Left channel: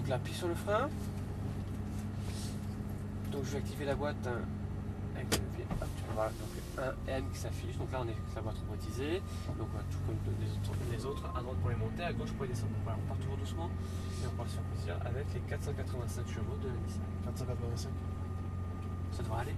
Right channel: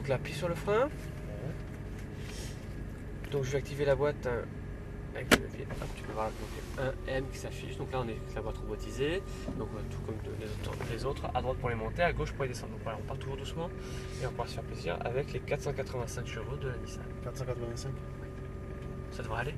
Donc là, appuie sur le frein. Donc je vais activer la boîte avec le levier. Hop, tu peux voir donc un M qui s'affiche. Donc là on est avec la boîte robotisée. Donc tout comme les autres, à droite pour les monter, à gauche pour les descendre. Donc voilà, on part toujours doucement et on pourra se faire plaisir avec les 485 chevaux de la Nissan. 485. Ça devrait aller.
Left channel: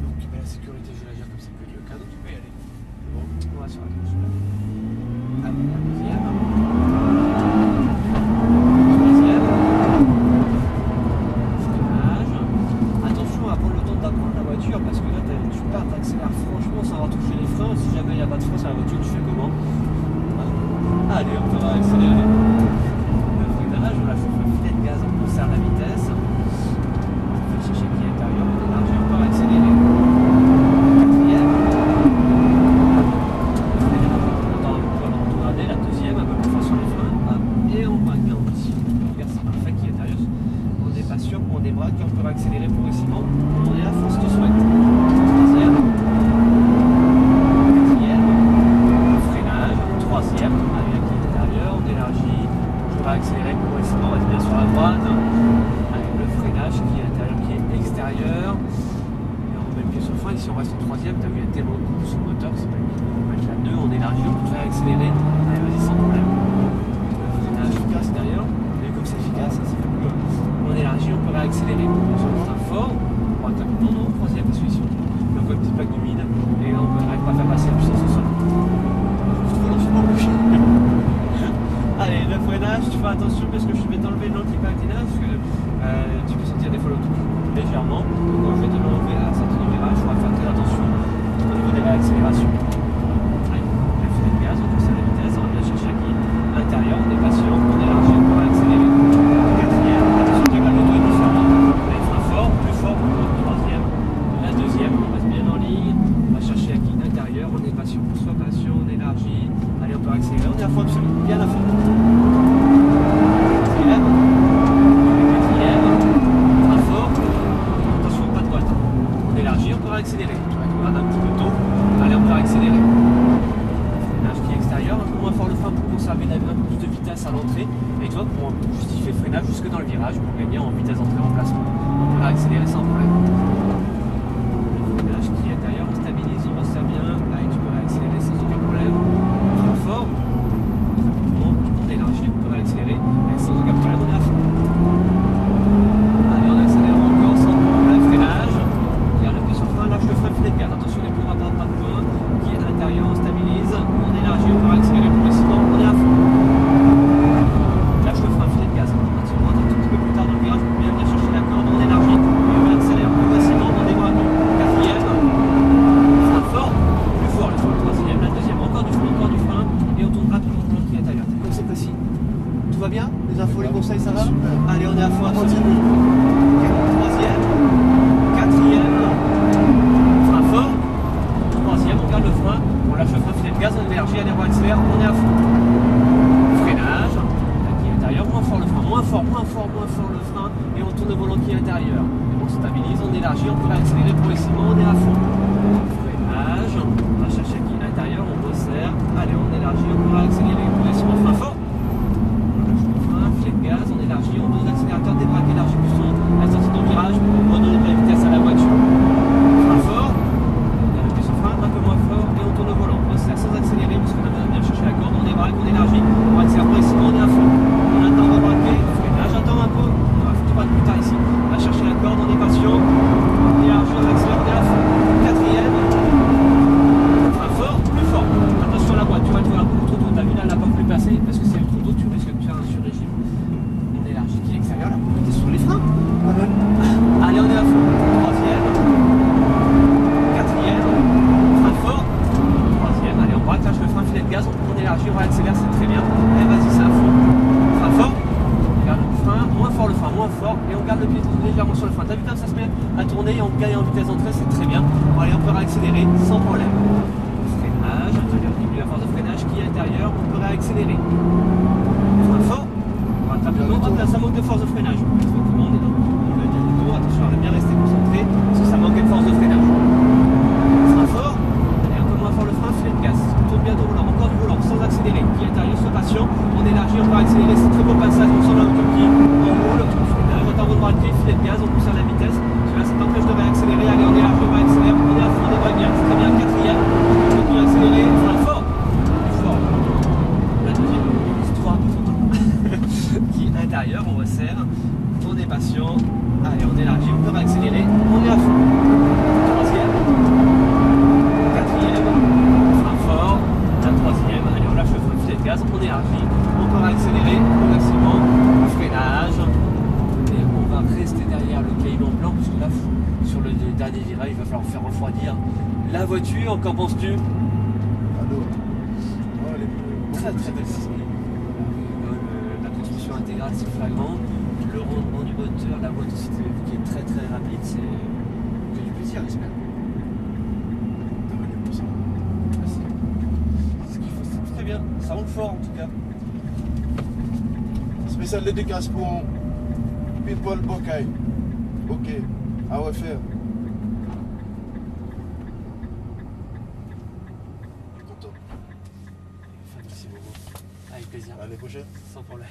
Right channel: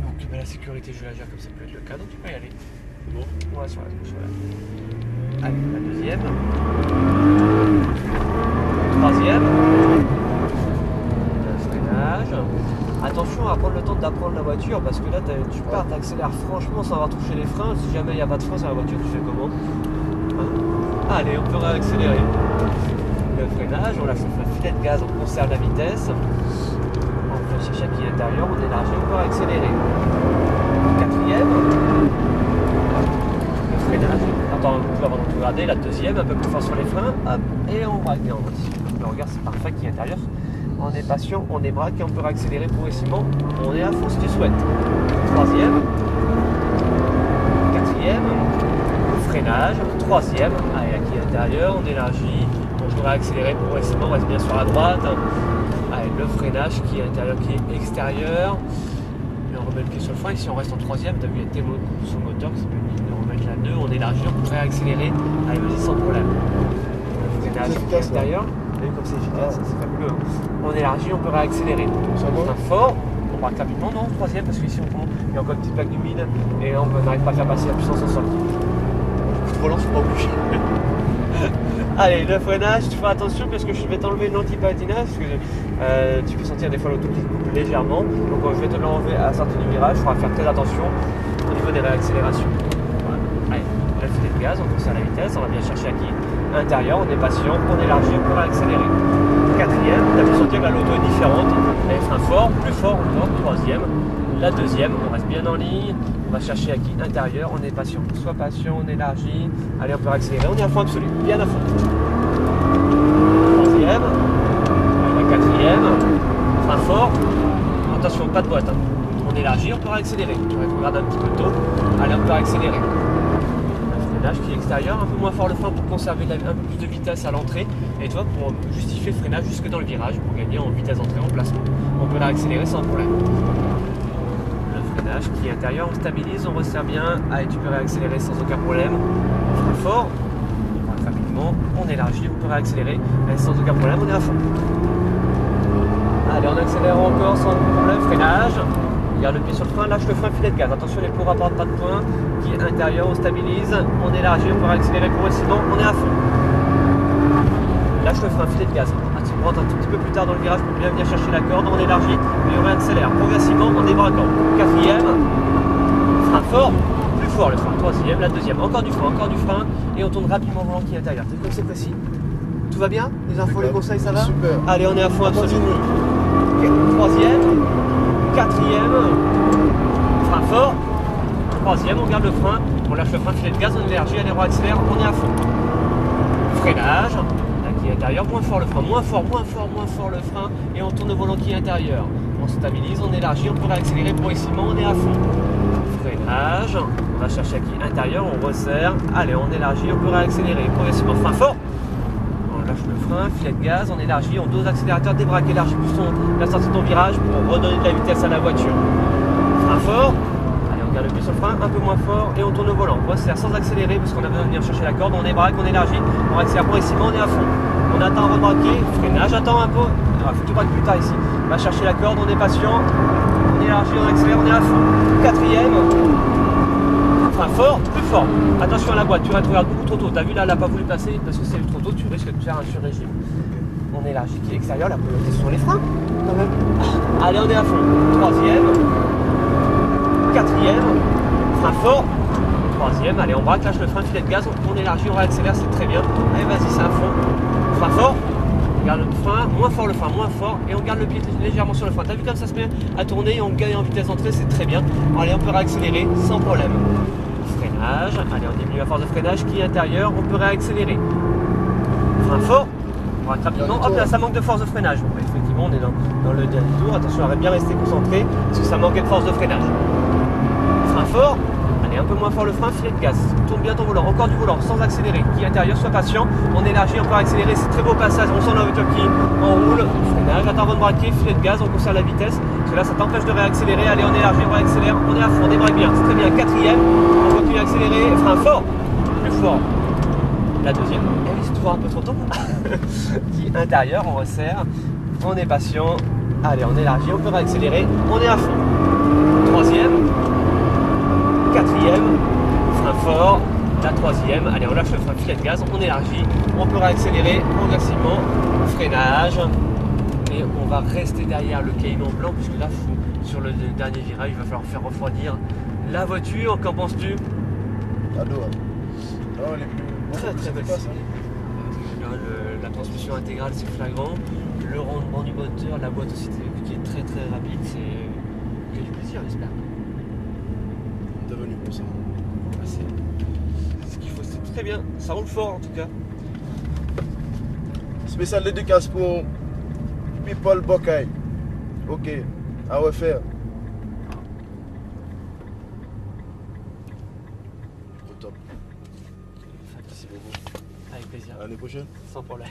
Donc la sécurité, je la gère comme ça peut être le cas, donc tu peux y aller. C'est bon? On va sur la gauche, voilà. Allez, la deuxième. Troisième. Freinage. Attention à prendre le temps d'apprendre la voiture parce que là tu pars, t'accélères franchement sans avoir touché les freins. Si jamais il n'y a pas de frein sur la voiture, tu fais comment? Allez, on peut réaccélérer. Le freinage, on lâche le filet de gaz, on conserve la vitesse. On peut chercher qui est intérieur, on élargit, on peut réaccélérer. Quatrième. Freinage. Attends un peu avant de regarder. La deuxième, un peu plus fort sur les freins. Hop, et on braque bien. Le regard, c'est parfait qui est intérieur. On est patient, on est braque et on peut réaccélérer progressivement. On est à fond si tu souhaites. Troisième. Quatrième. Freinage. Troisième. Allez, qui est intérieur, on élargit. On peut réaccélérer progressivement. On reste bien sur la droite. Allez, le freinage qui est intérieur, qui est extérieur. Et on remet le pied sur le frein. Ici, on reste en troisième. Tu as vu, il y a tel sur le moteur. C'est pas une. On remet la 2, on élargit, on peut réaccélérer. Allez, vas-y, sans problème. Freinage qui est extérieur. Comme c'est efficace, c'est pas que on élargit, on peut réaccélérer. On fort, on braque rapidement, non, troisième, parce qu'ici il y a encore une petite plaque d'humide et on n'arrive pas à faire passer la puissance au sol. Trop lent, c'est pas obligé. Allez, le freinage, tu feras attention parce que je vais t'enlever l'anti-patinage parce que tu peux sentir des fois l'auto qui coupe légèrement. Donc je vais te l'enlever à la sortie du virage, il faudra faire très attention au niveau des réaccélérations. Allez, le filet de gaz, on conserve la vitesse, on va bien chercher à qui intérieur, on est patient, on élargit, on peut accélérer. Quatrième, la pression de l'auto est différente, on met frein fort, plus fort, troisième. La deuxième, on reste bien en ligne, on va chercher à qui intérieur, on est patient, soit patient, on élargit, allez on peut accélérer, on est à fond absolu, bien à fond. Troisième, quatrième, frein fort, attention, pas de boîte, hein. On élargit, on peut accélérer, on regarde un petit peu tôt, allez on peut accélérer. Qui est extérieur, un peu moins fort le frein pour conserver un peu plus de vitesse à l'entrée et toi pour justifier le freinage jusque dans le virage pour gagner en vitesse d'entrée en placement. On peut l'accélérer sans problème. Le freinage qui est intérieur, on stabilise, on resserre bien, allez tu peux réaccélérer sans aucun problème. Frein fort, rapidement, on élargit, on peut réaccélérer sans aucun problème, on est à fond. Allez on accélère encore sans problème, freinage. Garde le pied sur le frein, lâche le frein, filet de gaz. Attention, les plus rapides, pas de point. Qui est intérieur, on stabilise, on élargit, on peut accélérer progressivement, on est à fond. Lâche le frein, filet de gaz. Tu rentres un tout petit peu plus tard dans le virage pour bien chercher la corde, on élargit et on réaccélère progressivement en débraquant. Quatrième, frein fort, plus fort le frein. Troisième, la deuxième, encore du frein et on tourne rapidement le volant qui est intérieur. C'est comme c'est précis. Tout va bien? Les infos, les conseils, ça va? Super. Allez, on est à fond absolu. Troisième. Quatrième, frein fort, troisième, on garde le frein, on lâche le frein, filet de gaz, on élargit, allez, on accélère, on est à fond. Freinage, là qui est intérieur, moins fort le frein, moins fort le frein, et on tourne le volant qui est intérieur. On stabilise, on élargit, on peut réaccélérer progressivement, on est à fond. Freinage, on va chercher qui est intérieur, on resserre, allez, on élargit, on peut réaccélérer progressivement, frein fort. Filet de gaz, on élargit, on dose l'accélérateur, débraque, élargit plus la sortie de ton virage pour redonner de la vitesse à la voiture. Frein fort, allez on garde le pied sur le frein, un peu moins fort et on tourne au volant. On resserre sans accélérer parce qu'on a besoin de venir chercher la corde, on débraque, on élargit, on accélère progressivement, on est à fond. On attend à rebraquer, freinage, attends un peu, il faut tout braquer plus tard ici. On va chercher la corde, on est patient, on élargit, on accélère, on est à fond. Quatrième, frein fort, plus fort. Attention à la boîte, tu regardes beaucoup trop tôt. T'as vu là, elle n'a pas voulu passer parce que c'est trop tôt, tu risques de faire un sur-régime. On élargit qui est extérieur, la priorité sur les freins quand même. Allez, on est à fond. Troisième, quatrième, frein fort. Troisième, allez, on braque, lâche le frein, filet de gaz, on élargit, on réaccélère, c'est très bien. Allez, vas-y, c'est à fond. Frein fort. On garde le frein, moins fort le frein, moins fort, et on garde le pied légèrement sur le frein. T'as vu comme ça se met à tourner et on gagne en vitesse d'entrée, c'est très bien. Allez, on peut réaccélérer sans problème. Freinage, allez on diminue la force de freinage qui est intérieure, on peut réaccélérer. Frein fort, on braque rapidement, hop là ça manque de force de freinage. Ouais, effectivement on est dans le dernier tour. Attention à bien rester concentré parce que ça manquait de force de freinage. Frein fort, allez un peu moins fort le frein, filet de gaz. Tourne bien ton volant, encore du volant, sans accélérer. Qui intérieur, sois patient. On élargit, on peut accélérer, c'est très beau passage. On sent la voiture qui enroule. Freinage, attends avant de braquer, filet de gaz, on conserve la vitesse. Parce que là ça t'empêche de réaccélérer. Allez, on élargit, on réaccélère, on est à fond, on débraque bien. C'est très bien, quatrième. On continue à accélérer, frein fort. Très fort. La deuxième, elle se trouve un peu trop tôt. Qui intérieur, on resserre. On est patient. Allez, on élargit, on peut réaccélérer, on est à fond. Troisième, quatrième, frein fort, la troisième. Allez, on lâche le frein, filet de gaz, on élargit, on peut réaccélérer progressivement, freinage. Et on va rester derrière le Cayman blanc, puisque là, sur le dernier virage, il va falloir faire refroidir la voiture. Qu'en penses-tu? Adore. Non, elle est plus... Très belle stylée. La transmission intégrale, c'est flagrant. Le rendement du moteur, la boîte aussi qui est très rapide, il y a du plaisir, j'espère. T'es venu pour ça. C'est ce qu'il faut, c'est très bien, ça roule fort en tout cas. Spécial dédicace pour People Bokay. Ok, à refaire. Top. Merci beaucoup. Avec plaisir. À l'année prochaine. Sans problème.